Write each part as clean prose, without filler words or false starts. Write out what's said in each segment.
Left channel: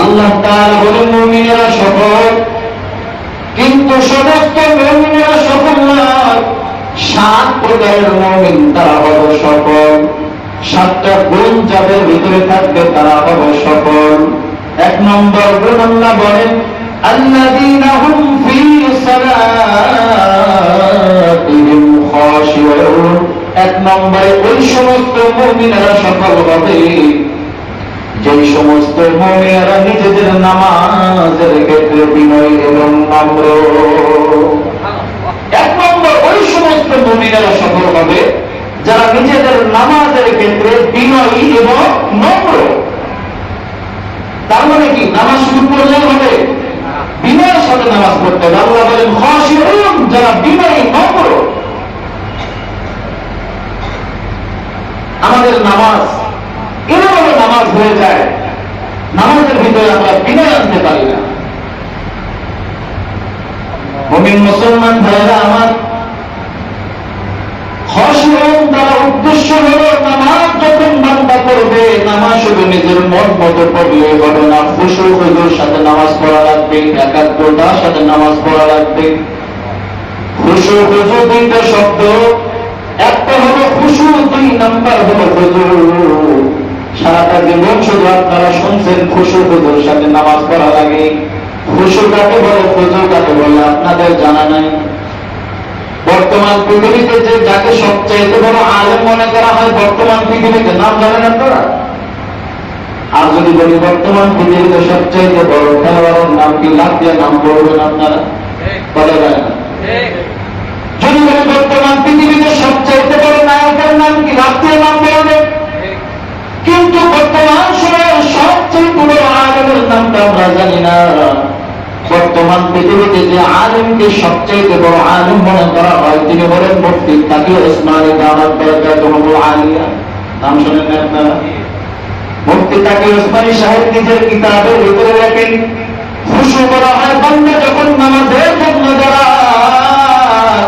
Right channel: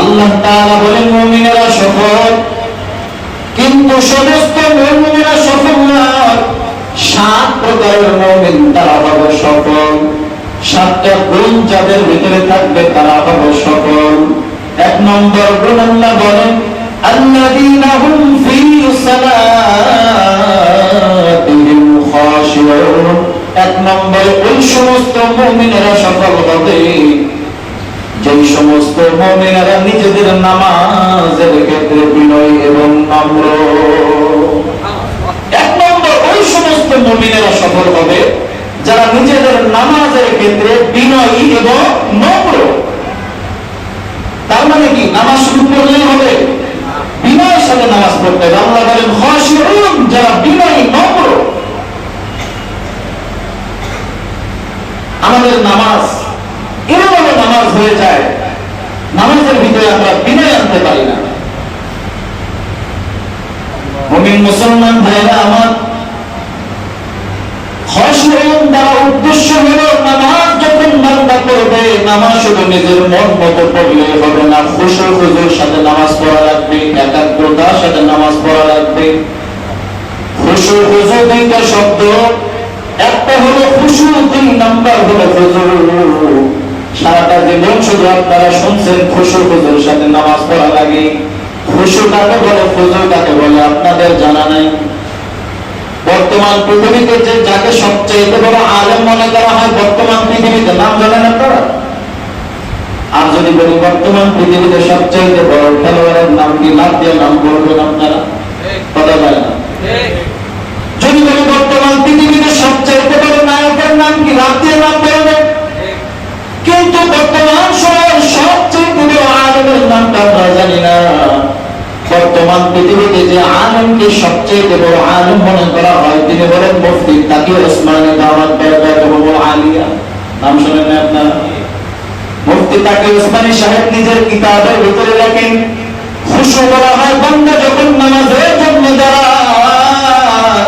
আল্লাহ তাআলা বলেন মুমিনেরা সফল, কিন্তু সমস্ত মুমিনেরা সফল না। 7 প্রকারের মুমিন তারা হবে সফল। 7টা গুণ যাদের ভিতরে থাকবে তারা হবে সফল। 1 নম্বর গুণ আল্লাহ বলেন আল্লাযীনা হুম ফী সালাতিহিম খাশিউন। 1 নম্বরে ওই সমস্ত মুমিনেরা সফল হবে যে সমস্ত মুমিনেরা নিজেদের নামাজের ক্ষেত্রে বিনয়ী এবং নম্র। 1 নম্বর ওই সমস্ত মুমিনেরা সফল হবে যারা নিজেদের নামাজের ক্ষেত্রে বিনয়ী এবং নম্র। তার মানে কি নামাজ শুরু করলেই হবে? বিনয়ের সাথে নামাজ পড়তে হবে। আল্লাহ বলেন খাশিউন, যারা বিনয়ী নম্র। আমাদের নামাজ এভাবে নামাজ হয়ে যায়, নামাজের ভিতরে আমরা বিনয় আনতে পারি না। মুমিন মুসলমান ভাইরা আমার, খাশিউন দ্বারা উদ্দেশ্য হলো নামাজ যখন বান্দা পড়বে, নামাজ শুধু নিজের মন মতো পড়লে হবে না, খুশু হুজুর সাথে নামাজ পড়া লাগবে, একাগ্রতার সাথে নামাজ পড়া লাগবে। খুশু হুজুর 2টা শব্দ, একটা হলো খুশু, 2 নাম্বার হলো হুজুর। সারাটা জীবন শুধু আপনারা শুনছেন খুশু হুজুর সাথে নামাজ পড়া লাগে। খুশু কাকে বলে, হুজুর কাকে বলে আপনাদের জানা নাই। বর্তমান পৃথিবীতে যে যাকে সবচেয়ে বড় আলেম মনে করা হয় বর্তমান পৃথিবীতে, নাম জানেন আপনারা? আর যদি বলি বর্তমান পৃথিবীতে সবচেয়ে বড় খেলোয়াড়ের নাম কি, লাভ দিয়ে নাম বলবেন আপনারা? কথা বলেন। যদি বলি বর্তমান পৃথিবীতে সবচেয়ে বড় নায়কের নাম কি, লাভ দিয়ে নাম বলবেন। কিন্তু বর্তমান সময়ের সবচেয়ে বড় আলেমের নামটা আমরা জানি না। বর্তমান পৃথিবীতে যে আলেমকে সবচেয়ে বড় আলেম মনে করা হয় তিনি বলেন মুফতি তাকি ওসমানী দামাত বারাকাতুহু আলিয়া। নাম শুনেন না আপনারা? মুফতি তাকি ওসমানী সাহেব নিজের কিতাবের ভিতরে লেখেন খুশু বলা হয় বান্দা যখন নামাজের জন্য দাঁড়ায়।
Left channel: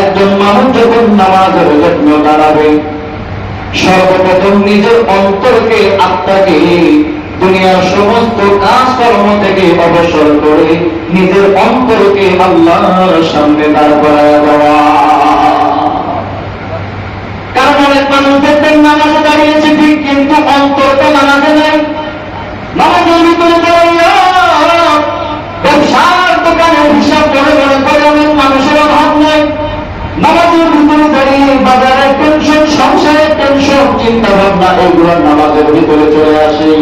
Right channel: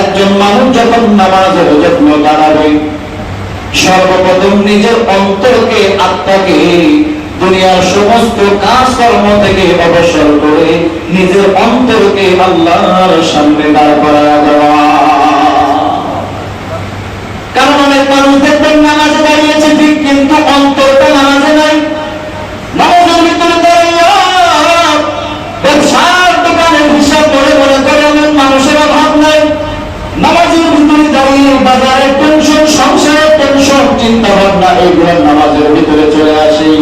একজন মানুষ যখন নামাজের জন্য দাঁড়াবে সর্বপ্রথম নিজের অন্তরকে, আত্মাকে দুনিয়ার সমস্ত কাজকর্ম থেকে অবসর করে নিজের অন্তরকে আল্লাহর সামনে দাঁড় করায় দেওয়া। কারণ অনেক মানুষ দেখবেন নামাজে দাঁড়িয়েছে ঠিক, কিন্তু অন্তরটা নামাজে নাই। নামাজের ভিতরে দাঁড়িয়ে ব্যবসার দোকানের হিসাব করে মনে করে অনেক মানুষের অভাব নেই। নামাজের ভিতরে দাঁড়িয়ে বাজারের টেনশন, সংসারের টেনশন, চিন্তা ভাবনা এইগুলো নামাজের ভিতরে চলে আসে।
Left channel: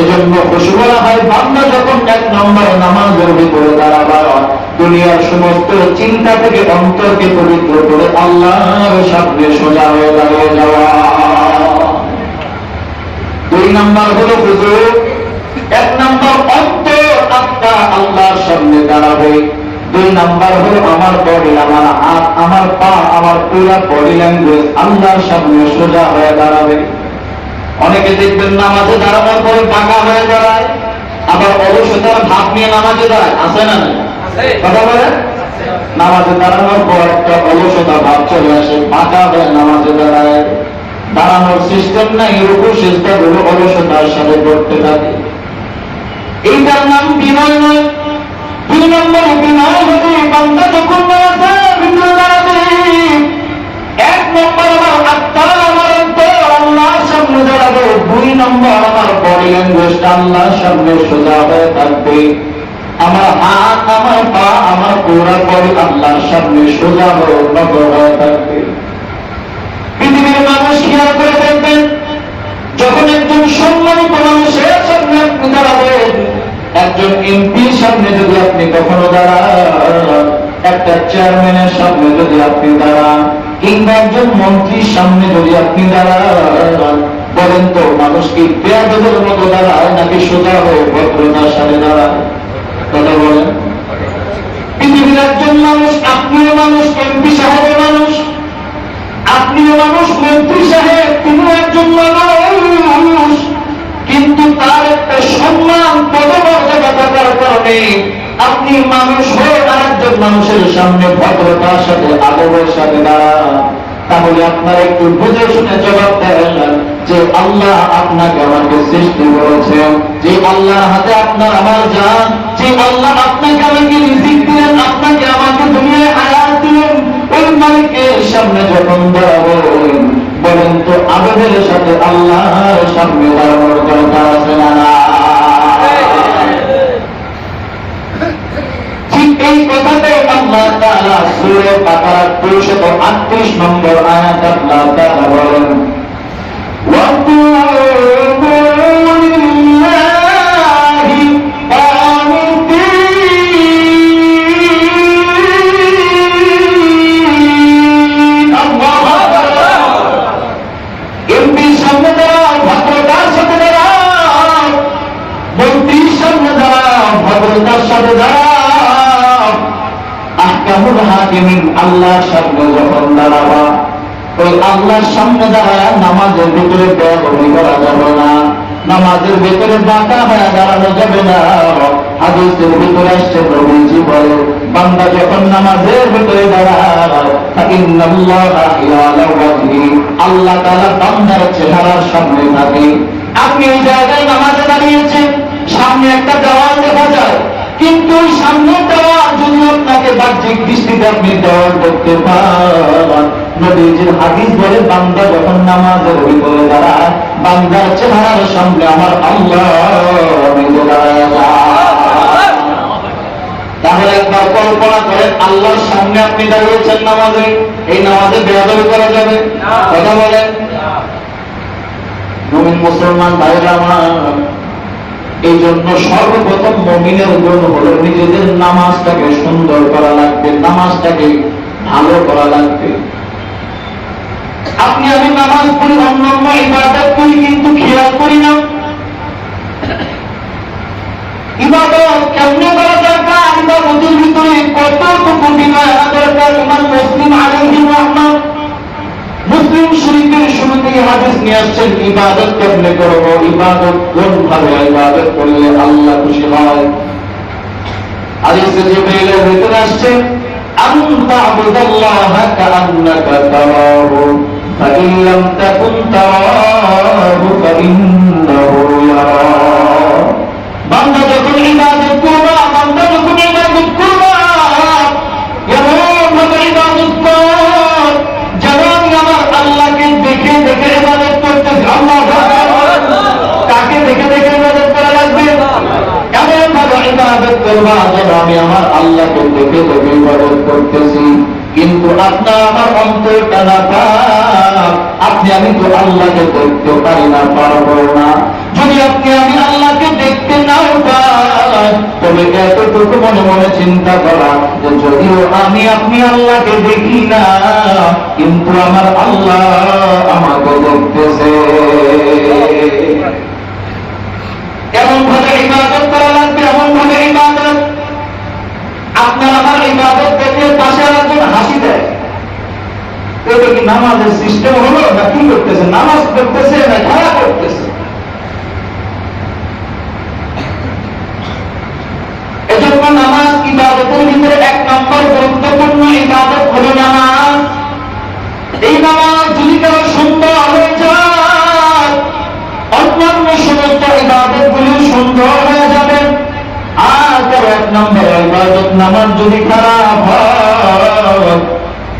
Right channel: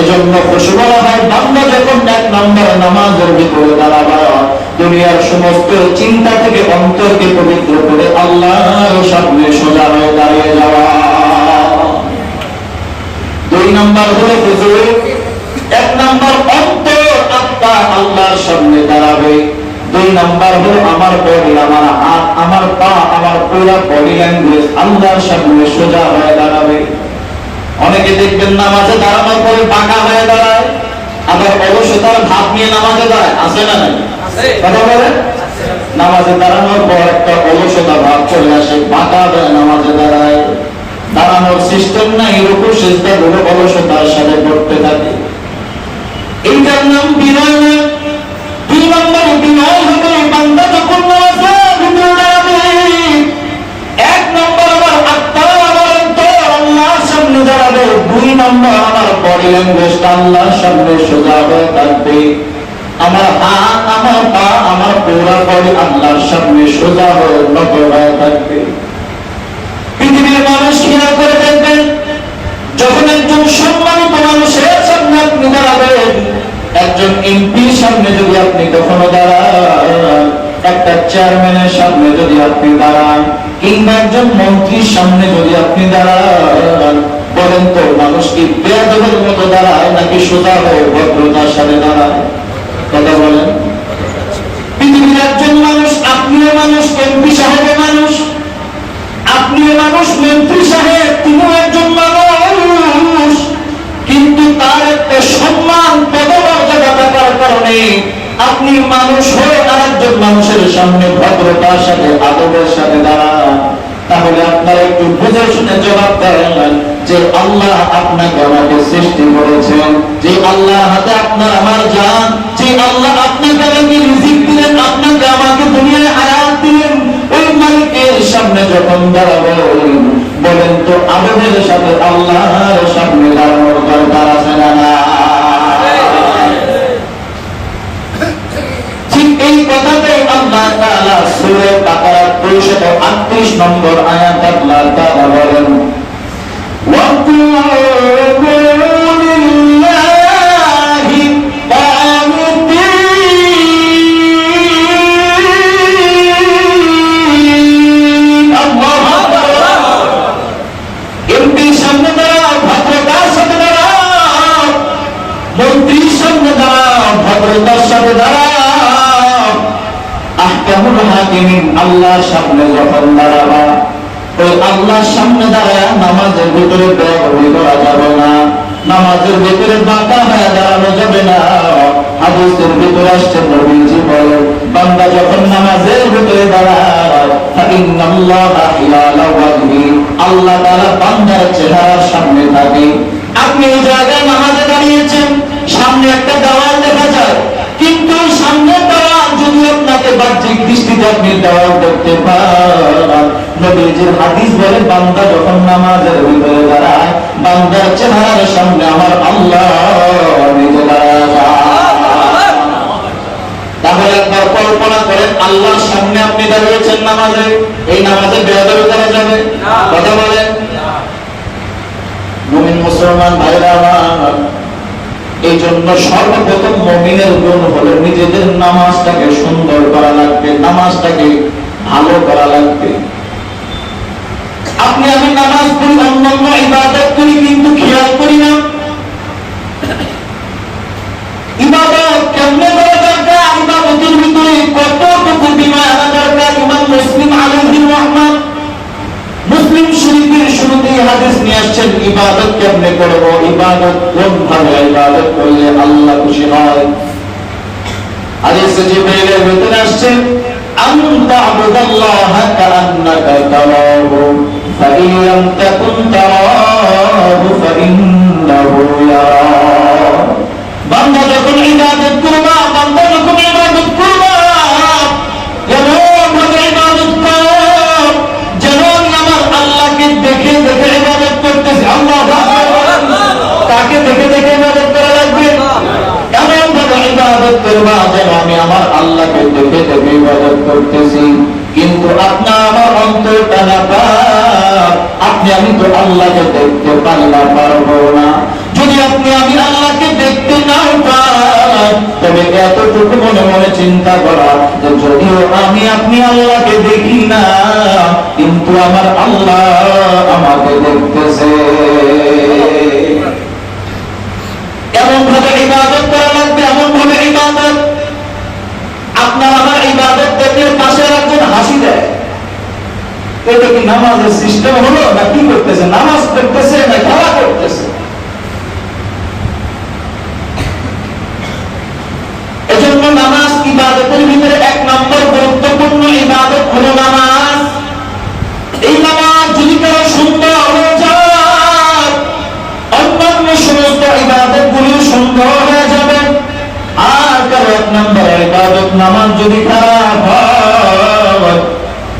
এজন্য খুশু বলা হয় বান্দা যখন 1 নম্বর নামাজের ভিতরে দাঁড়াবে দুনিয়ার সমস্ত চিন্তা থেকে অন্তরকে পবিত্র করে আল্লাহর সামনে সোজা হয়ে দাঁড়িয়ে যাওয়া। 2 নম্বর হলো হুজুর। 1 নম্বর অন্তর, আত্মা আল্লাহর সামনে দাঁড়াবে। 2 নম্বর হলো আমার বডি, আমার হাত, আমার পা, আমার পুরো বডি ল্যাঙ্গুয়েজ আল্লাহর সামনে সোজা হয়ে দাঁড়াবে। অনেকে দেখবেন নামাজে দাঁড়ানোর পরে বাঁকা হয়ে দাঁড়ায়, আবার অলসতার ভাব নিয়ে নামাজে যায়, আছে না? কথা বলেন। নামাজে দাঁড়ানোর পর একটা অলসতা ভাব চলে আসে, বাঁকা হয়ে নামাজে দাঁড়ায়। দাঁড়ানোর সিস্টেম নাই, রুকু সিজদা গুলো অলসতার সাথে করতে থাকে। এইটার নাম বিনয় নয়। 2 নম্বর বিনয় হতে বান্দা যখন নামাজের ভিতরে দাঁড়াবে 1 নম্বর আমার আত্মা, আমার অন্তর আল্লাহর সামনে দাঁড়াবে। 2 নম্বর আমার বডি ল্যাঙ্গুয়েজ আল্লাহর সামনে সোজা হয়ে থাকবে। আমার হাত, আমার পা, আমার পুরো বডি আল্লাহর সামনে সোজা হয়ে নত হয়ে থাকবে। পৃথিবীর মানুষ খেয়াল করে দেখবেন যখন একজন সম্মানিত মানুষের সামনে আপনি দাঁড়াবেন, একজন এমপির সামনে যদি আপনি কখনো দাঁড়ান, একটা চেয়ারম্যানের সামনে যদি আপনি দাঁড়ান, কিংবা একজন মন্ত্রীর সামনে যদি আপনি দাঁড়ান, বলেন তো মানুষ কি বেয়াদবের মতো দাঁড়ায় নাকি সোজা হয়ে ভদ্রতার সাথে দাঁড়ায়? কথা বলেন। পৃথিবীর একজন মানুষ, আপনিও মানুষ, এমপি সাহেব মানুষ, আপনিও মানুষ, মন্ত্রী সাহেব তিনিও একজন মানুষ, কিন্তু তার একটা সম্মান পদমর্যাদা থাকার কারণে আপনি মানুষ হয়ে আরেকজন মানুষের সামনে ভদ্রতার সাথে আদবের সাথে দাঁড়ান। তাহলে আপনারা একটু বুঝে শুনে জবাব দেন, যে আল্লাহ আপনাকে আমাকে সৃষ্টি করেছেন, যে আল্লাহর হাতে আপনার আমার জান, যে আল্লাহ আপনাকে আমাকে রিজিক দিলেন, আপনাকে আমাকে দুনিয়ায় হায়াত দিলেন, ওই মালিকের সামনে যখন দাঁড়াবো, বলেন তো আদবের সাথে আল্লাহর সামনে দাঁড়ানোর দরকার আছে না? ঠিক এই কথাটাই আল্লাহ তাআলা সূরা বাকারা 238 নম্বর আয়াত আল্লাহ তাআলা বলেন, وَقُولُوا لِلَّهِ قَانِتِينَ। আল্লাহু আকবার। এমপির সামনে দাঁড়াও, ভদ্রতার সাথে দাঁড়াও, মন্ত্রীর সামনে দাঁড়াও, ভদ্রতার সাথে দাঁড়াও। আহকামুল হাকিমিন আল্লাহর সামনে যখন দাঁড়াবা, তো আল্লাহর সামনে দাঁড়ায় নামাজের ভিতরে বেয়াদবি করা যাবে না, নামাজের ভিতরে বাঁকা হয়ে দাঁড়ানো যাবে না। হাদিসের ভিতরে আসছে, নবীজি বলেন, বান্দা যখন নামাজের ভিতরে দাঁড়ায়, ফাইন্নাল্লাহা হিয়ালা ওয়াজহি, আল্লাহ তাআলা বান্দার চেহারার সামনে থাকে। আপনি এই জায়গায় নামাজে দাঁড়িয়েছেন, সামনে একটা দেওয়াল দেখা যায়, কিন্তু সামনের দেওয়াল যদি আপনাকে বাহ্যিক দৃষ্টিতে আপনি দেওয়াল দেখতে পান, নবীজির হাদিস বলে, বান্দা যখন নামাজের ভিতরে দাঁড়ায়, বান্দার চেহারার সামনে আমার আল্লাহ নিজে দাঁড়ায় যায়। তাহলে একবার কল্পনা করেন, আল্লাহর সামনে আপনি দাঁড়িয়েছেন নামাজে, এই নামাজে বেয়াদবি করা যাবে? কথা বলেন। মুমিন মুসলমান ভাইরা আমার, এই জন্য সর্বপ্রথম মুমিনের গুণ হলো নিজেদের নামাজটাকে সুন্দর করা লাগবে, নামাজটাকে ভালো করা লাগবে। আপনি আমি নামাজ পড়ি, অন্যান্য ইবাদত করি, কিন্তু খেয়াল করি না ইবাদত কেমনে করা দরকার, ইবাদতের ভিতরে কতটুকু বিনয় আনা দরকার। ইমাম মুসলিম আলাইহির রাহমাত মুসলিম শরীফের শুরুতেই হাদিস নিয়ে আসছেন, ইবাদত কেমনে করব, ইবাদত কোন ভাবে ইবাদত করলে আল্লাহ খুশি হয়। হাদিসে জিবরাইলের ভিতরে আসছে, আনতা আবুদাল্লাহ কাআন্নাকা তারাহু ফাইন লাম তাকুন তারাহু ফাইন্নাহু ইয়ারাক। বান্দা যখন ইবাদত করবা, বান্দা যখন ইবাদত করবা, এমন ভাবে ইবাদত কর যেন আমার আল্লাহকে দেখে দেখে ইবাদত করতেছি। আল্লাহু আকবার। তাকে দেখে দেখে ইবাদত করা লাগবে, এমন ভাবে ইবাদত করবা যেন আমি আমার আল্লাহকে দেখে দেখে ইবাদত করতেছি। কিন্তু আপনার আমার অন্তরটা না পাক, আপনি আমি তো আল্লাহকে দেখতে পারি না, পারবো না। যদি আপনি আমি আল্লাহকে দেখতে নাও পাই, তবে এতটুকু মনে মনে চিন্তা করা যে যদিও আমি আপনি আল্লাহকে দেখি না, কিন্তু আমার আল্লাহ আমাকে দেখতেছে। এমন ভাবে ইবাদত করা লাগবে, এমন ভাবে ইবাদত আপনার আমার ইবাদত দেখে পাশে একজন হাসি দেয়, এটা কি নামাজের সিস্টেম হলো না? কি করতেছে, নামাজ করতেছে না খেলা করতেছে? এজন্য নামাজ ইবাদতের ভিতরে এক নম্বর গুরুত্বপূর্ণ ইবাদত হলো নামাজ। এই নামাজ যদি কারো সুন্দর হয়ে যায়, অন্যান্য সমস্ত ইবাদত গুলি সুন্দর হয়ে যাবে। আর কারো এক নম্বর ইবাদত নামাজ যদি খারাপ হয়,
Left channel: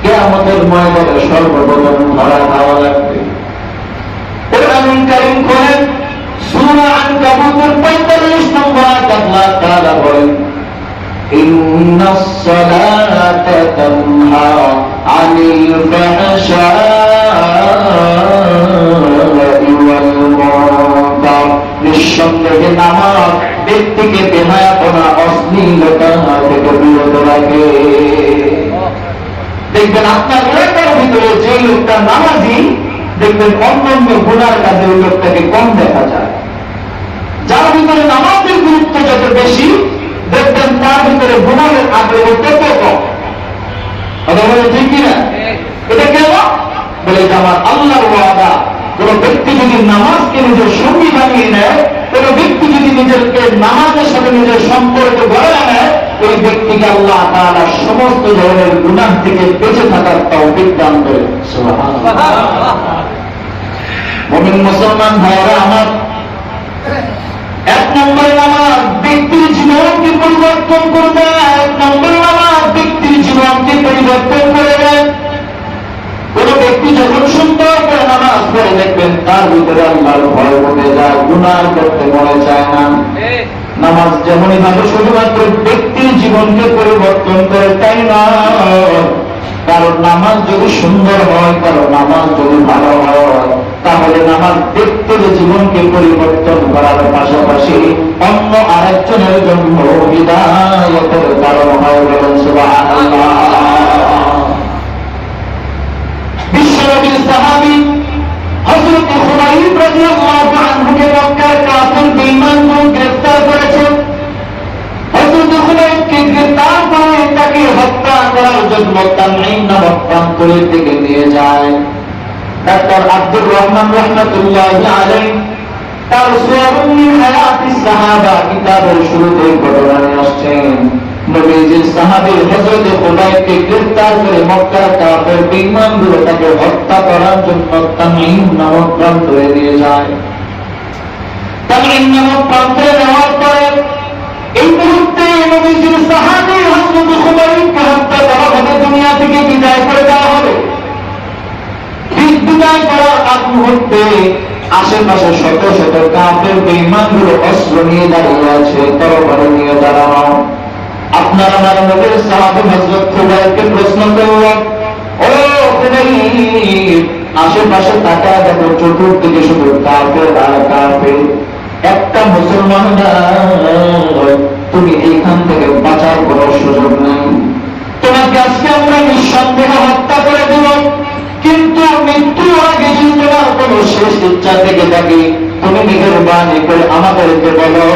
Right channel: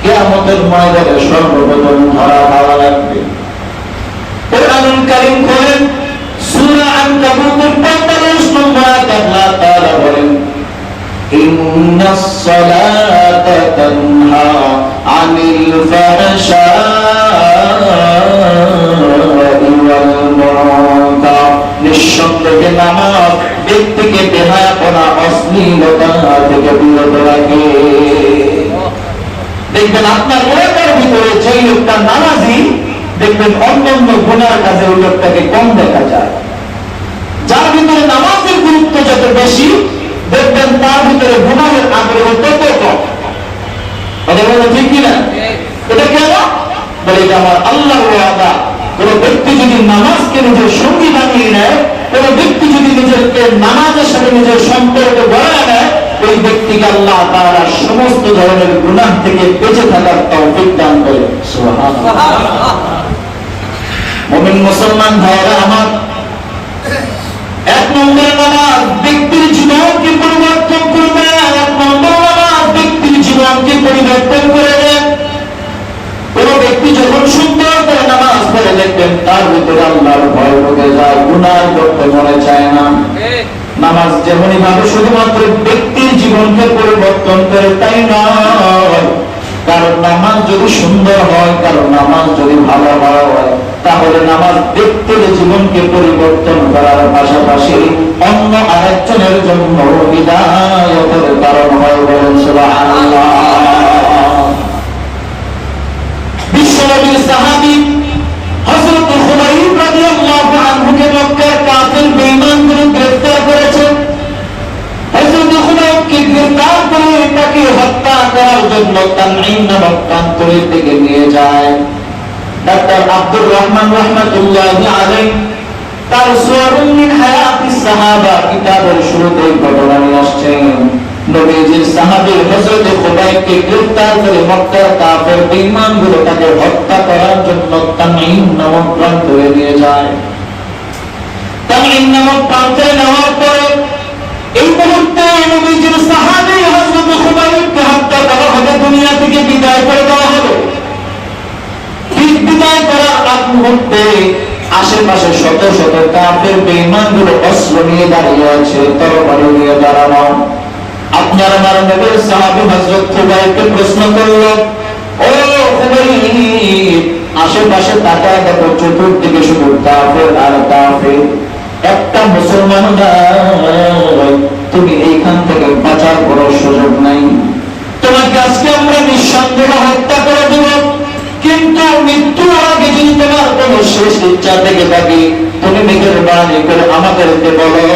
কিয়ামতের ময়দানে সর্বপ্রথম ধরা খাওয়া লাগবে। কোরআনুল কারীম করেন, সূরা আনকাবুতের 45 নম্বর আয়াত আল্লাহ তাআলা বলেন, ইন্নাস সালাতা তানহা আনিল ফাহশাই ওয়াল মুনকার। নিঃসন্দেহে নামাজ ব্যক্তিকে বেহায়াপনা, অশ্লীলতা থেকে বিরত রাখে। দেখবেন আপনার এলাকার ভিতরে যে লোকটা নামাজি, দেখবেন অন্যান্য গুনার কাজে ওই লোকটাকে কম দেখা যায়। যার ভিতরে নামাজের গুরুত্ব যত বেশি, দেখবেন তার ভিতরে গুনাহের আগ্রহ তত কম। কথা বলে ঠিক কিনা? এটা কেন বলে, এটা আমার আল্লাহর ওয়াদা। কোন ব্যক্তি যদি নামাজকে নিজের সঙ্গী বানিয়ে নেয়, কোন ব্যক্তি যদি নিজেকে নামাজের সাথে নিজের সম্পর্ক গড়ে নেয়, ওই ব্যক্তিকে আল্লাহ তাআলা সমস্ত ধরনের গুনাহ থেকে বেঁচে থাকার তৌফিক দান করেন। সুবহানাল্লাহ। মুমিন মুসলমান ভাইরা আমার, এক নম্বর নামাজ ব্যক্তির জীবনকে পরিবর্তন করবে। এক নম্বর নামাজ ব্যক্তির জীবনকে পরিবর্তন করে দেয়। কোন ব্যক্তি যখন সুন্দর করে নামাজ পড়ে দেখবেন তার ভিতরে আল্লাহর ভয় ঢুকে যায়, গুনাহ করতে মনে চায় না। নামাজ যেমনই ভাবে শুধুমাত্র ব্যক্তির জীবনকে পরিবর্তন করে তাই না, কারণ নামাজ যদি সুন্দর হয়, কারণ নামাজ যদি ভালো হয়, তাহলে নামাজ ব্যক্তির জীবনকে পরিবর্তন করার পাশাপাশি অন্য আরেকজনের জন্য হিদায়াতের কারণ হয়। বলেন সুবহানাল্লাহ। বিশ্বনবীর সাহাবী হযরত খুবাইব রাদিয়াল্লাহু আনহুকে মক্কার কাফির বেঈমানগুলো গ্রেফতার করেছে। হযরত খুবাইবকে গ্রেফতার করে তাকে হত্যা করার জন্য তানঈম নামক প্রান্তরের দিকে নিয়ে যায়। ডাক্তার আব্দুর রহমান রাহমাতুল্লাহি আলাইহি তার সুওয়ারুন মিন হায়াতিস সাহাবা কিতাবের শুরুতে ঘটনা নিয়ে আসছেন। নবীজির সাহাবী হযরত খুবাইবকে গ্রেফতার করে মক্কার কাফের বেঈমানগুলো তাকে হত্যা করার জন্য তানঈম নামক প্রান্তরে নিয়ে যায়। তানঈম নামক প্রান্তরে নেওয়ার পরে এই মুহূর্তে নবীজির সাহাবী হযরত খুবাইবকে হত্যা করা হবে, দুনিয়া থেকে বিদায় করে দেওয়া হবে। বিদায় করার আগ মুহূর্তে আশেপাশে শত শত কাফের বেঈমানগুলো অস্ত্র নিয়ে দাঁড়িয়ে আছে, তরবারি নিয়ে দাঁড়ানো। আপনার আমার নবীর সাহাবী হযরত খুবাইবকে প্রশ্ন করল, ও খুবাইব, আশেপাশে তাকায় দেখো, চতুর্দিকে শুধু কাফের আর কাফের, একটা মুসলমান নাই, তুমি এইখান থেকে বাঁচার কোনো সুযোগ নাই। তোমাকে আজকে আমরা নিঃসন্দেহে হত্যা করে দেব, কিন্তু মৃত্যুর আগে যদি তোমার কোনো শেষ ইচ্ছা থেকে থাকে, তুমি মেহেরবানি করে আমাদেরকে বলো,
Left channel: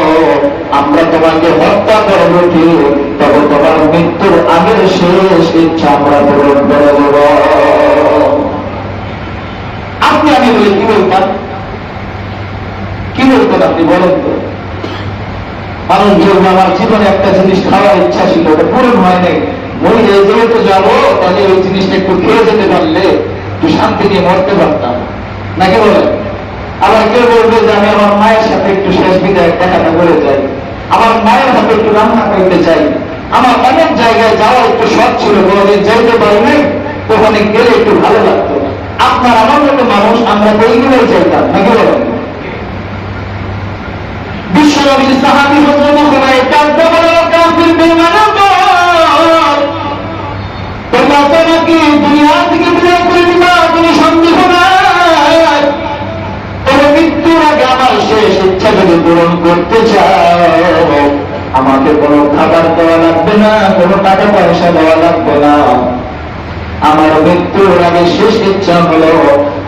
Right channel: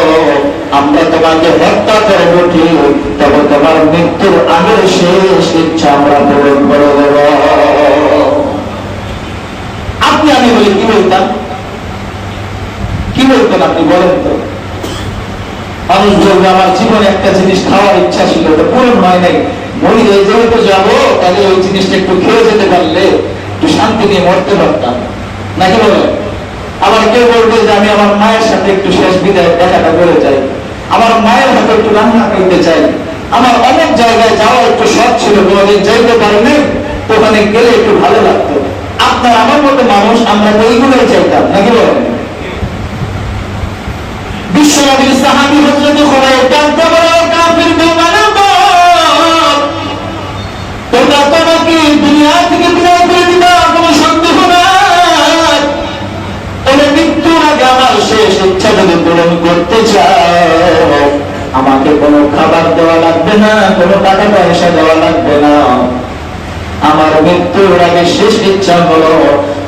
আমরা তোমাকে হত্যা করব ঠিক, তবে তোমার মৃত্যুর আগের শেষ ইচ্ছা আমরা পূরণ করে দেব। আপনি আমি বলে কি বলতাম? কি বলতেন আপনি বলেন তো? মানুষ বলবে আমার জীবনে একটা জিনিস খাওয়ার ইচ্ছা ছিল, ওটা পূরণ হয় নাই, মরি যেহেতু যাবো, তাহলে ওই জিনিসটা একটু খেয়ে যেতে পারলে একটু শান্তি নিয়ে মরতে পারতাম, নাকি বলেন? আবার কেউ বলবে যে আমি আমার মায়ের সাথে একটু শেষ বিদায় দেখাটা করে চাই, আমার মায়ের হাতে একটু রান্না করতে চাই, আমার অনেক জায়গায় যাওয়া একটু শখ ছিল, কোনোদিন যাইতে পারিনি, ওখানে গেলে একটু ভালো লাগতো। আপনার আমার মতো মানুষ আমরা এইগুলোই চাইতাম, নাকি বলেন? বিশ্বনবীর সাহাবী হযরত খুবাইব কাঁদতে বলল, কাফির বেঈমানের দল, তোমরা তোমাকে দুনিয়া থেকে বিদায় করে দিবা, কোনো সন্দেহ নাই। তবে মৃত্যুর আগে আমার শেষ ইচ্ছা যদি পূরণ করতে চাও, আমাকে কোনো খাবার দেওয়া লাগবে না, কোনো টাকা পয়সা দেওয়া লাগবে না। আমার মৃত্যুর আগে শেষ ইচ্ছা হলো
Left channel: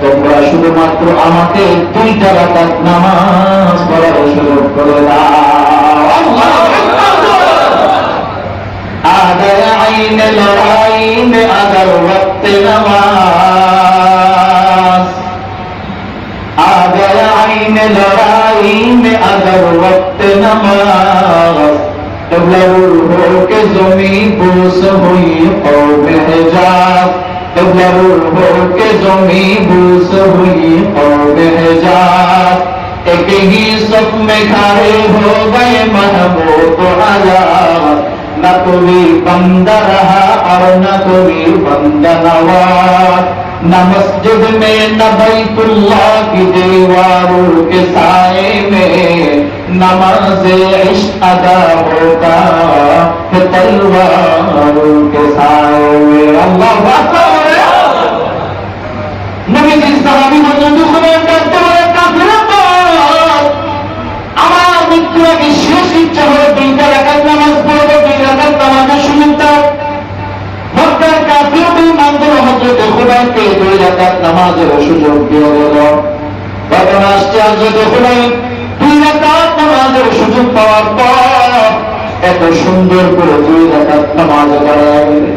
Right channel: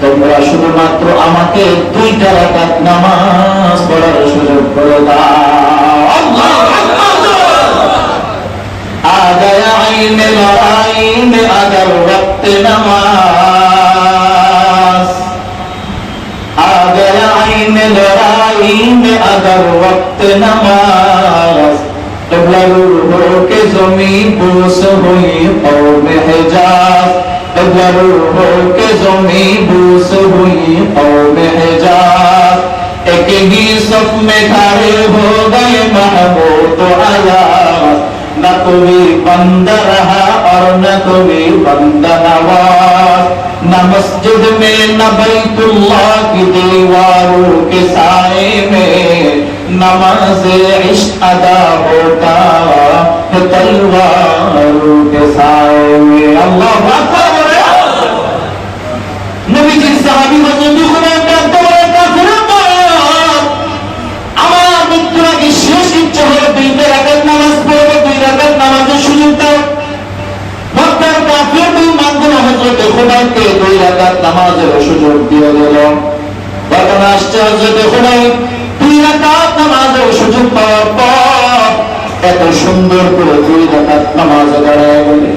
তোমরা শুধুমাত্র আমাকে 2 রাকাত নামাজ পড়ার সুযোগ করে দাও। আদায় আইনে লড়াইনে আদার ওয়াক্তে নামাজ, আদায় আইনে লড়াইনে আদার ওয়াক্তে নামাজ, तबलरुल हो के जमी बूस हुई कौमे हिजाज, तबलरुल हो के जमी बूस हुई कौमे हिजाज, एक ही सफ में खड़े हो गए महमूद आयाज, न कोई बंदा रहा और न कोई बंदा नवाज, न मस्जिद में न बैतुल्लाह की दीवारों के साए में नमाज़े इश्क अदा होता है तलवारों के साए में। अल्लाहु अकबर। नबीजी साहबी हजरत खुबाइब কাঁদতে বলে, কাফিরের দল, আমার মৃত্যুর আগে শেষ ইচ্ছা হলো 2 রাকাত নামাজ পড়ব, 2 রাকাত নামাজের সুযোগ দাও। মক্কার কাফির বেঈমানগুলো হযরত খুবাইবকে 2 রাকাত নামাজের সুযোগ দিয়ে দিল। তখন আসছে হযরত খুবাইব 2 রাকাত নামাজের সুযোগ পাওয়ার পর এত সুন্দর করে 2 রাকাত নামাজ আদায় করে,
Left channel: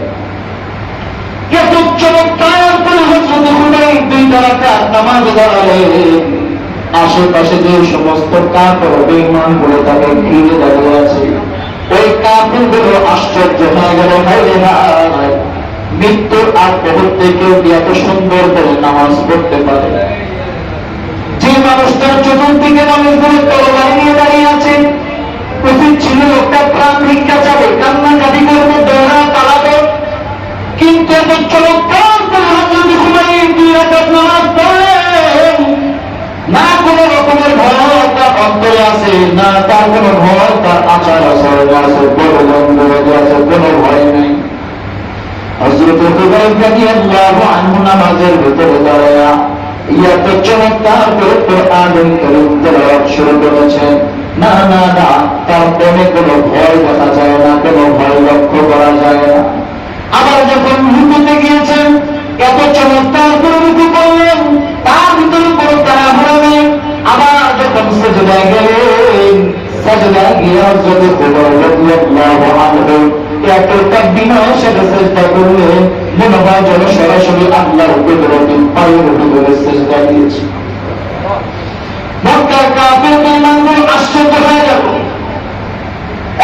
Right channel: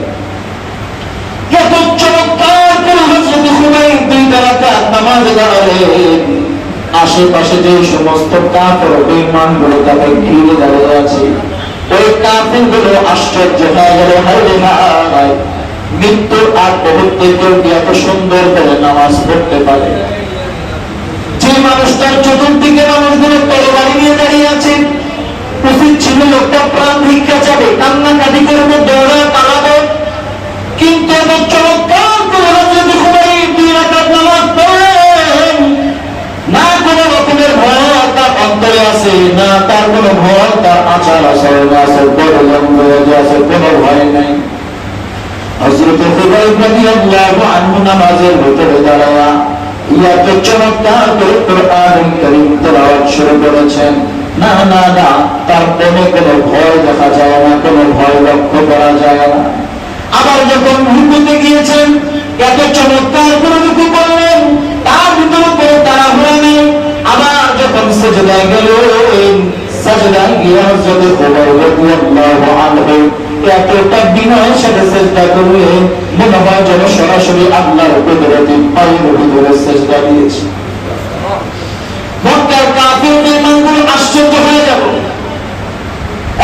কত চমৎকার করে হযরত খুবাইব 2 রাকাত নামাজ আদায়। আশেপাশে যে সমস্ত কাফের বেঈমানগুলো তাকে ঘিরে দাঁড়িয়ে আছে, ওই কাফেরগুলো আশ্চর্য হয়ে গেল, হায় হায়, মৃত্যুর আগ মুহূর্তে কেউ এত সুন্দর করে নামাজ পড়তে পারে? মানুষটার চতুর্দিকে মানুষগুলো তরবারি নিয়ে দাঁড়িয়ে আছে। উচিত ছিল লোকটা প্রাণ ভিক্ষা চাবে, কান্নাকাটি করবে, দৌড়া পালাবে, কিন্তু এত চমৎকার করে হযরত খুবাইব 2 রাকাত নামাজ পড়লেন। না কোনো রকমের ভয় তার অন্তরে আছে, না তার কোনো ভয় তার আচার আচরণে আছে, আছে, কোনো ভয় নেই। হযরত খুবাইব রাদিয়াল্লাহু আনহু নামাজের ভিতরে দাঁড়ায়া এত চমৎকার করে কোরআনুল কারীম তেলাওয়াত শুরু করেছেন। না না না, তার মনে কোনো ভয় দেখা যায় না, কোনো ভয় লক্ষ্য করা যায় না। আবার যখন রুকুতে গিয়েছেন, এত চমৎকার করে রুকু করলেন, তার ভিতরে কোনো তাড়াহুড়ো নেই। আবার যখন সিজদায় গেলেন, সিজদায় গিয়ে হযরত খুবাইব রাদিয়াল্লাহু আনহু এতটা বিনয়ের সাথে সিজদা করলেন, মনে হয় যেন সরাসরি আল্লাহর কুদরতের পায়ের ভিতরে সিজদা দিয়েছে। মক্কার কাফির বেঈমানগুলো আশ্চর্য হয়ে গেল,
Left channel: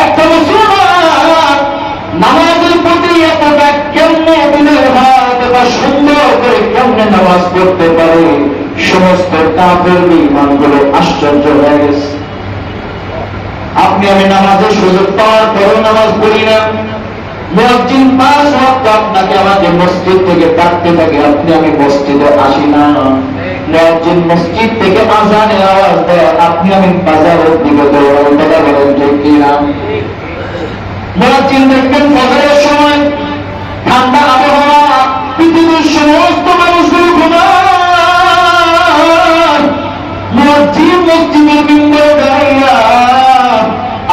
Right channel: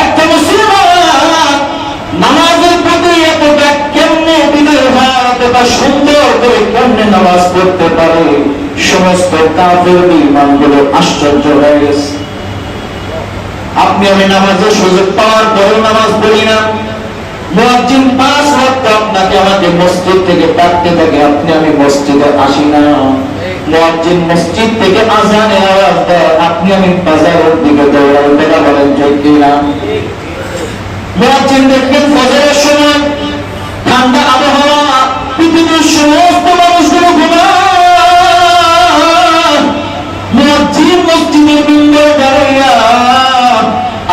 একটা মুসলমান নামাজের প্রতি এতটা কেমনে বিনয় হয়, এতটা সুন্দর করে কেমনে নামাজ পড়তে পারে। সমস্ত কাফির বেঈমানগুলো আশ্চর্য হয়ে গেছে। আপনি আমি নামাজের সুযোগ পাওয়ার পরেও নামাজ পড়ি না, মুয়াজ্জিন 5 ওয়াক্ত আপনাকে আমাকে মসজিদ থেকে ডাকতে থাকে, আপনি আমি মসজিদে আসি না। মুয়াজ্জিন মসজিদ থেকে আযানের আওয়াজ দেয়, আপনি আমি বাজারের দিকে দৌড়াই, কথা বলেন ঠিক কিনা? মুয়াজ্জিন দেখবেন ফজরের সময় ঠান্ডা আবহাওয়া, পৃথিবীর সমস্ত মানুষগুলো ঘুমায়, মুয়াজ্জিন মসজিদের মিম্বরে দাঁড়াইয়া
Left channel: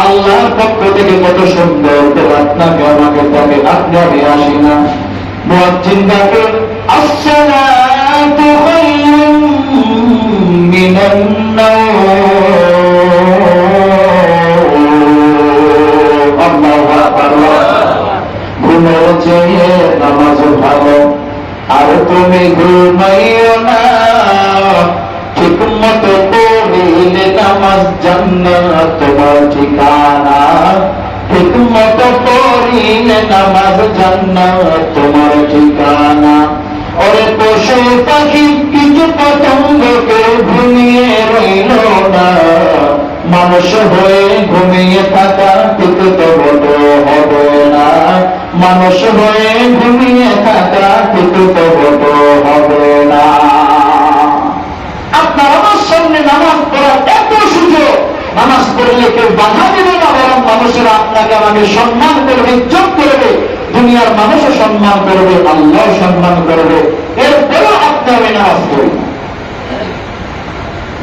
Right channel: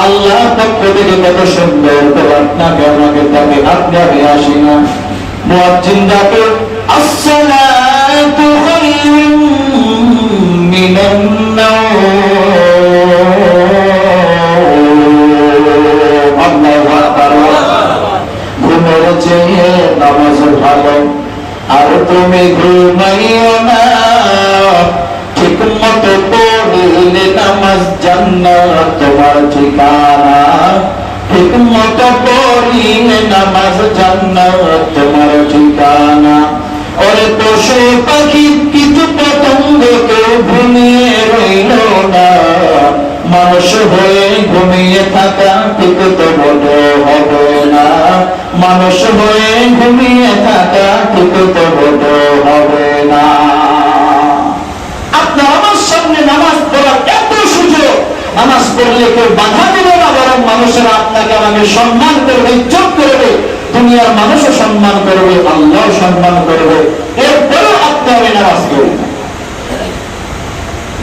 আল্লাহর পক্ষ থেকে কত সুন্দর করে আপনাকে আমাকে ডাকে, আপনি আমি আসি না। মুয়াজ্জিন ডাকে, আসসালাতু খায়রুম মিনান নাওম। আল্লাহু আকবার। ঘুমাও যে নামাজ ভালো, আর তুমি ঘুমাইও না, ঠিক মতো পড়িলে নামাজ জান্নাত তোমার ঠিকানা, ঠিক মতো পড়িলে নামাজ জান্নাত তোমার ঠিকানা। ওরে পশু পাখি কীট পতঙ্গ কেউ ঘুমিয়ে রইল না, মানুষ হয়ে ঘুমিয়ে থাকা ঠিক তো বড় হবে না, মানুষ হয়ে ঘুমিয়ে থাকা ঠিক তো বড় হবে না। আপনার আমার সামনে নামাজ পড়ার এত সুযোগ, নামাজ পড়লে কেউ বাধা দেবে না, বরং মানুষেরা আপনাকে আমাকে সম্মান করবে, ইজ্জত করবে, দুনিয়ার মানুষও সম্মান করবে, আল্লাহ সম্মান করবে। এরপরেও আপনি আমি নামাজ পড়ি না।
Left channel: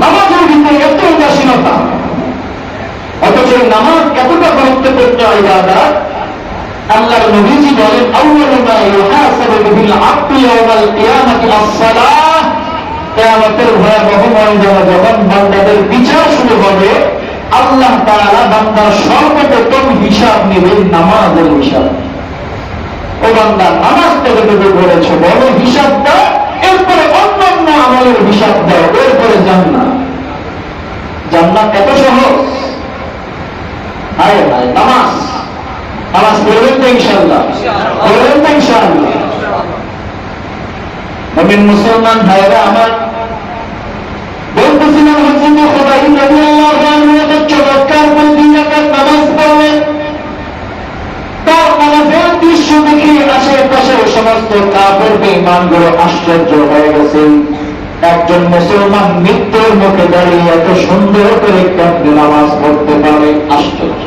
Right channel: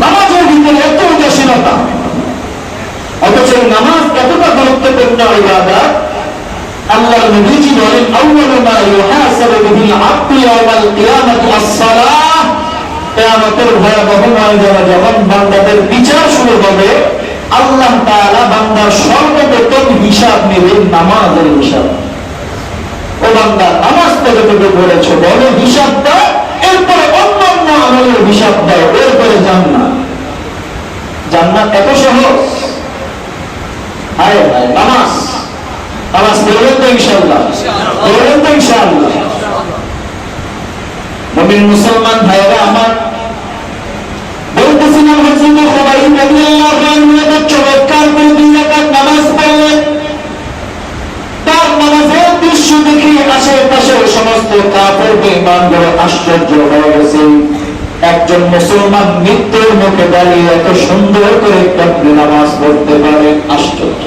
নামাজের ভিতরে এত উদাসীনতা, অথচ নামাজ এতটা গুরুত্বপূর্ণ ইবাদত। আল্লাহর নবীজি বলেন, আউয়ালু মা ইউহাসাবু বিহিল আবদু ইয়াওমাল কিয়ামাতি আস-সালাহ। কিয়ামতের ভয়াবহ ময়দানে যখন বান্দাদের বিচার শুরু হবে, আল্লাহ তাআলা বান্দার সর্বপ্রথম হিসাব নেবেন নামাজের হিসাব। ও বান্দা, নামাজ কতটুকু করেছো বলো, হিসাব দাও, এরপরে অন্যান্য আমলের হিসাব দাও, এরপরে জান্নাত। জান্নাত কত সহজ! হায় হায়, নামাজ নামাজ পড়বেন তো ইনশাআল্লাহ, পড়বেন তো ইনশাআল্লাহ। মুমিন মুসলমান ভাইরা আমার, বলতেছিলাম হযরত খুবাইব রাদিয়াল্লাহু আনহু চমৎকার করে 2 রাকাত নামাজ পড়লেন। তার নামাজের দৃশ্য দেখে আশেপাশের সমস্ত কাফের বেঈমানগুলো আশ্চর্য হয়ে গেছে। একজন মুসলমান মৃত্যুর মুখে দাঁড়িয়ে এত সুন্দর করে কেমনে নামাজ পড়তে পারে, আশ্চর্য।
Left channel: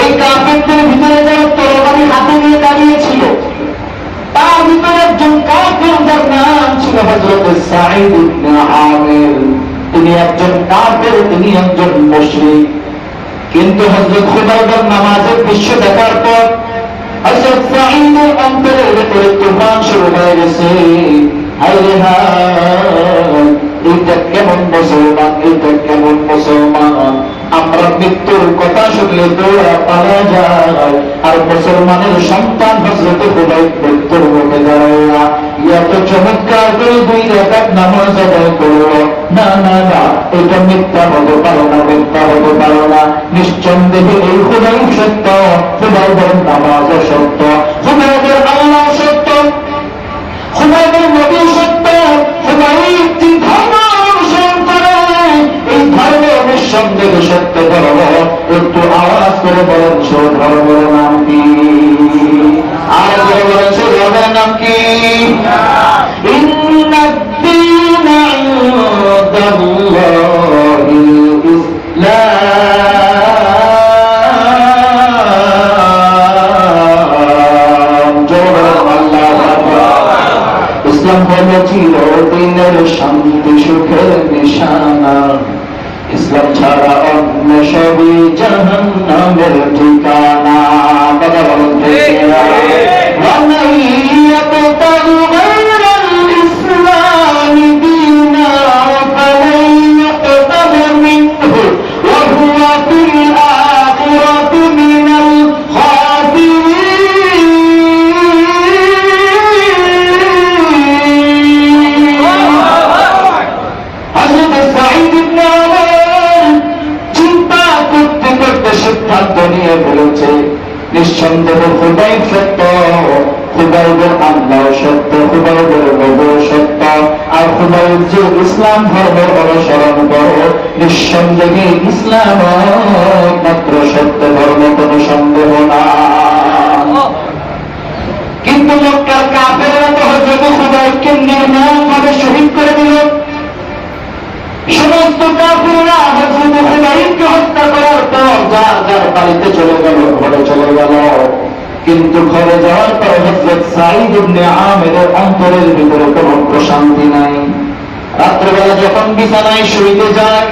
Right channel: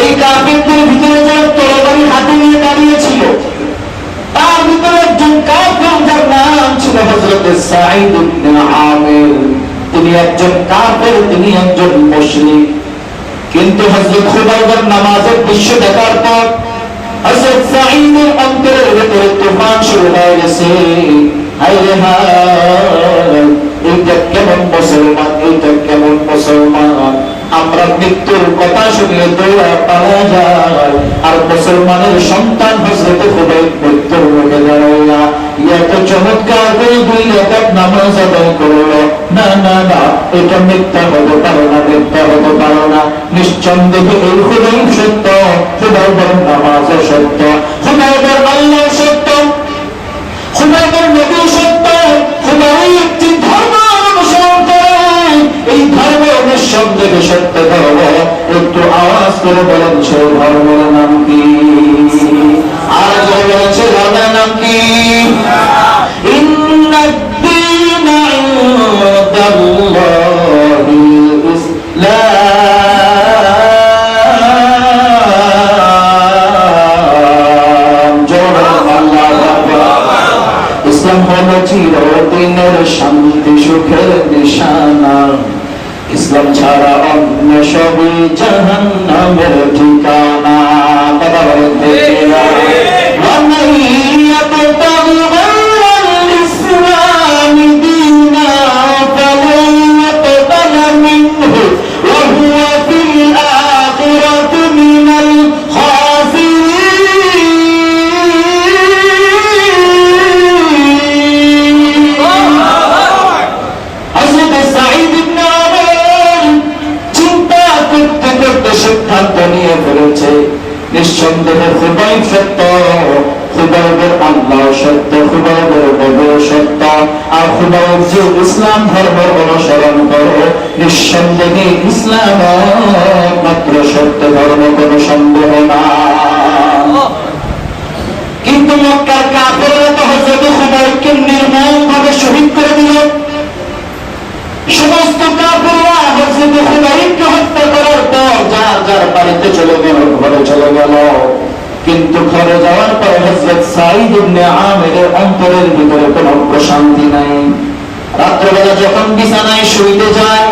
এই কাফেরদের ভিতরে যারা তরবারি হাতে নিয়ে দাঁড়িয়েছিল, তার ভিতরে একজন কাফের, যার নাম ছিল হযরত সাঈদ ইবনে আমির। তিনি একজন কাফের, তিনি একজন মুশরিক। কিন্তু হযরত খুবাইবের নামাজের দৃশ্য দেখার পর হযরত সাঈদের অন্তরের ভিতরে তুফান শুরু হয়ে গেছে। হায় রে হায়, এটা কেমন মুসলমান, এটা কেমন মুসলমান! আমরা মৃত্যুর কথা শুনলে দৌড়া পালা যায়, আর মুসলমানের সন্তান হযরত খুবাইব মৃত্যুর মুখে দাঁড়াইয়া এত চমৎকার করে 2 রাকাত নামাজ আদায় করলো। না না না, এটা মিথ্যা হতে পারে না, মিথ্যা হতে পারে না। নিঃসন্দেহে এই খুবাইব সত্য, খুবাইবের নামাজ সত্য, খুবাইবের আল্লাহ সত্য, খুবাইবের নবী সত্য। খুবাইব যে ধর্ম করে বলেন সেই ধর্মের নাম কি? আর যে বলেছে ধর্মের নাম কি? ইন্নাদ-দীনা ইনদাল্লাহিল ইসলাম। ইসলাম হলো চিরদিনের শান্তি সুখের নিশানা। ইসলাম ছাড়া অন্য সবই জাহান্নামের ঠিকানা। কথা বলেন ঠিক না? وَمَن يَبْتَغِ غَيْرَ الْإِسْلَامِ دِينًا فَلَن يُقْبَلَ مِنْهُ وَهُوَ فِي الْآخِرَةِ مِنَ সিদ্ধান্ত নিয়ে ফেলেছে নিঃসন্দেহে খুদাই সত্য, খুদাইদের আল্লাহ সত্য, খুদাইদের বেদ সত্য। আর খুদাই যে ইসলাম ধর্মের অনুসরণ করো, নিঃসন্দেহে ইসলাম মাত্র সত্য ধর্ম, কোনো সন্দেহ না। কিন্তু মক্কার কাফেররা তো হযরত খুবাইবকে নির্মমভাবে শহীদ করে দিল। সমস্ত কাফেররা হযরত খুবাইবকে হত্যা করার পর যার যার বাড়িতে চলে গেল, ঘরে চলে গেল। কিন্তু ঘরে যাওয়ার পরে হযরত সাঈদ ইবনে আমিরের অন্তরের ভিতরে কোনো প্রশান্তি নাই। রাত্রেবেলা যখন বিছানায় শুইতে যায়,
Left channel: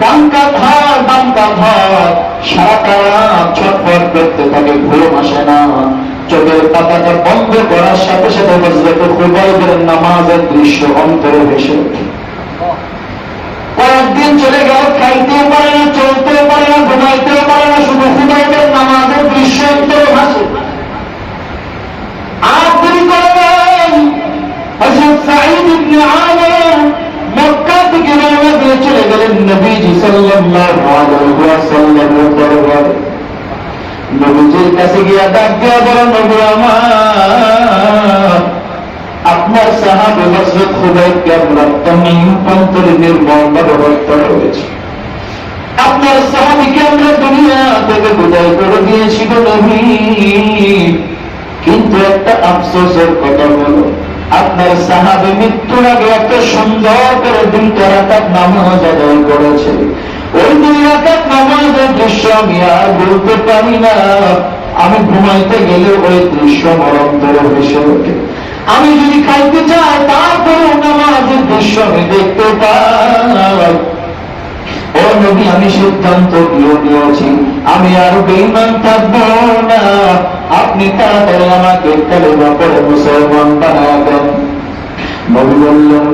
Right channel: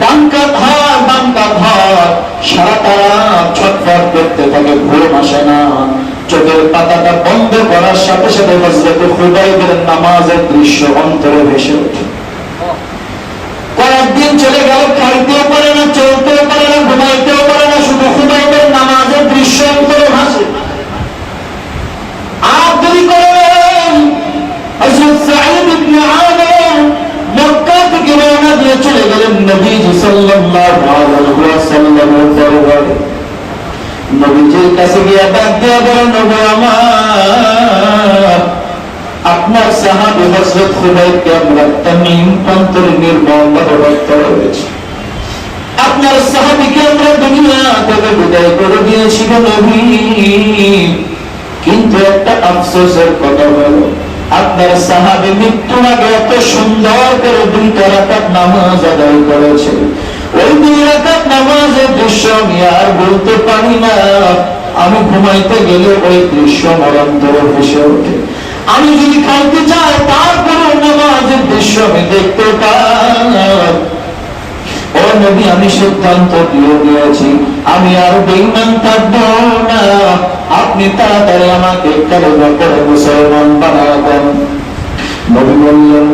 ডানকাত হয়, সারা রাত ছটফট করতে থাকে, ঘুম আসে না। চোখের পাতাটা বন্ধ করার সাথে সাথে হযরত খুবাইবের নামাজের দৃশ্য অন্তরে ভেসে ওঠে। কয়েকদিন চলে গেল, খাইতেও পারে না, চলতেও পারে না, ঘুমাইতেও পারে না, শুধু খুবাইবের নামাজের দৃশ্য অন্তরে ভাসে। আর দেরি করেন, হযরত সাঈদ ইবনে আমির মক্কা থেকে রওনা দিয়ে চলে গেলেন নবীজি সাল্লাল্লাহু আলাইহি ওয়াসাল্লামের দরবারে। নবীজির কাছে গিয়ে ডাক দিয়া বলেন, নবী আমার, আপনার সাহাবী হযরত খুবাইবকে আমরা তামিম প্রান্তরে নির্মমভাবে হত্যা করেছি। আপনার সাহাবীকে আমরা দুনিয়া থেকে বিদায় করে দিয়েছি গো নবী। কিন্তু একটা আফসোসের কথা হলো, আপনার সাহাবী মৃত্যুর আগে এত সুন্দর করে 2 রাকাত নামাজ আদায় করেছে। ওই 2 রাকাত নামাজের দৃশ্য আমি আর বলতে পারি না। আমি ঘুমাইতে গেলে ওই দৃশ্য আমার অন্তরে ভেসে ওঠে। আমি যদি খাইতে চাই, তারপরে নামাজের দৃশ্য আমি দেখতে পাই। ও নবী, আমি সিদ্ধান্ত দিয়ে দিয়েছি, আমি আর বেঈমান থাকবো না। আপনি তাড়াতাড়ি আমাকে কালেমা পড়ে মুসলমান বানাবেন। নবী বললেন,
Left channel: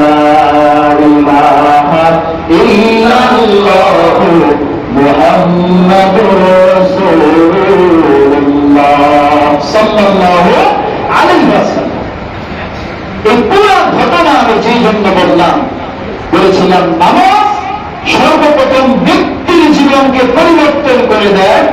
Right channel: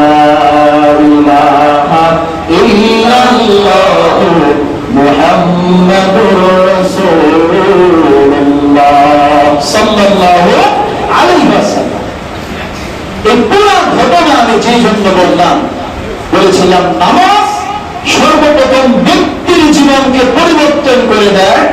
লা ইলাহা ইল্লাল্লাহু মুহাম্মাদুর রাসূলুল্লাহ সাল্লাল্লাহু আলাইহি ওয়াসাল্লাম। এই পুরো ঘটনা আমি যে জন্য বলেছিলাম, নামাজ সর্বপ্রথম ব্যক্তির জীবনকে পরিবর্তন করে দেয়।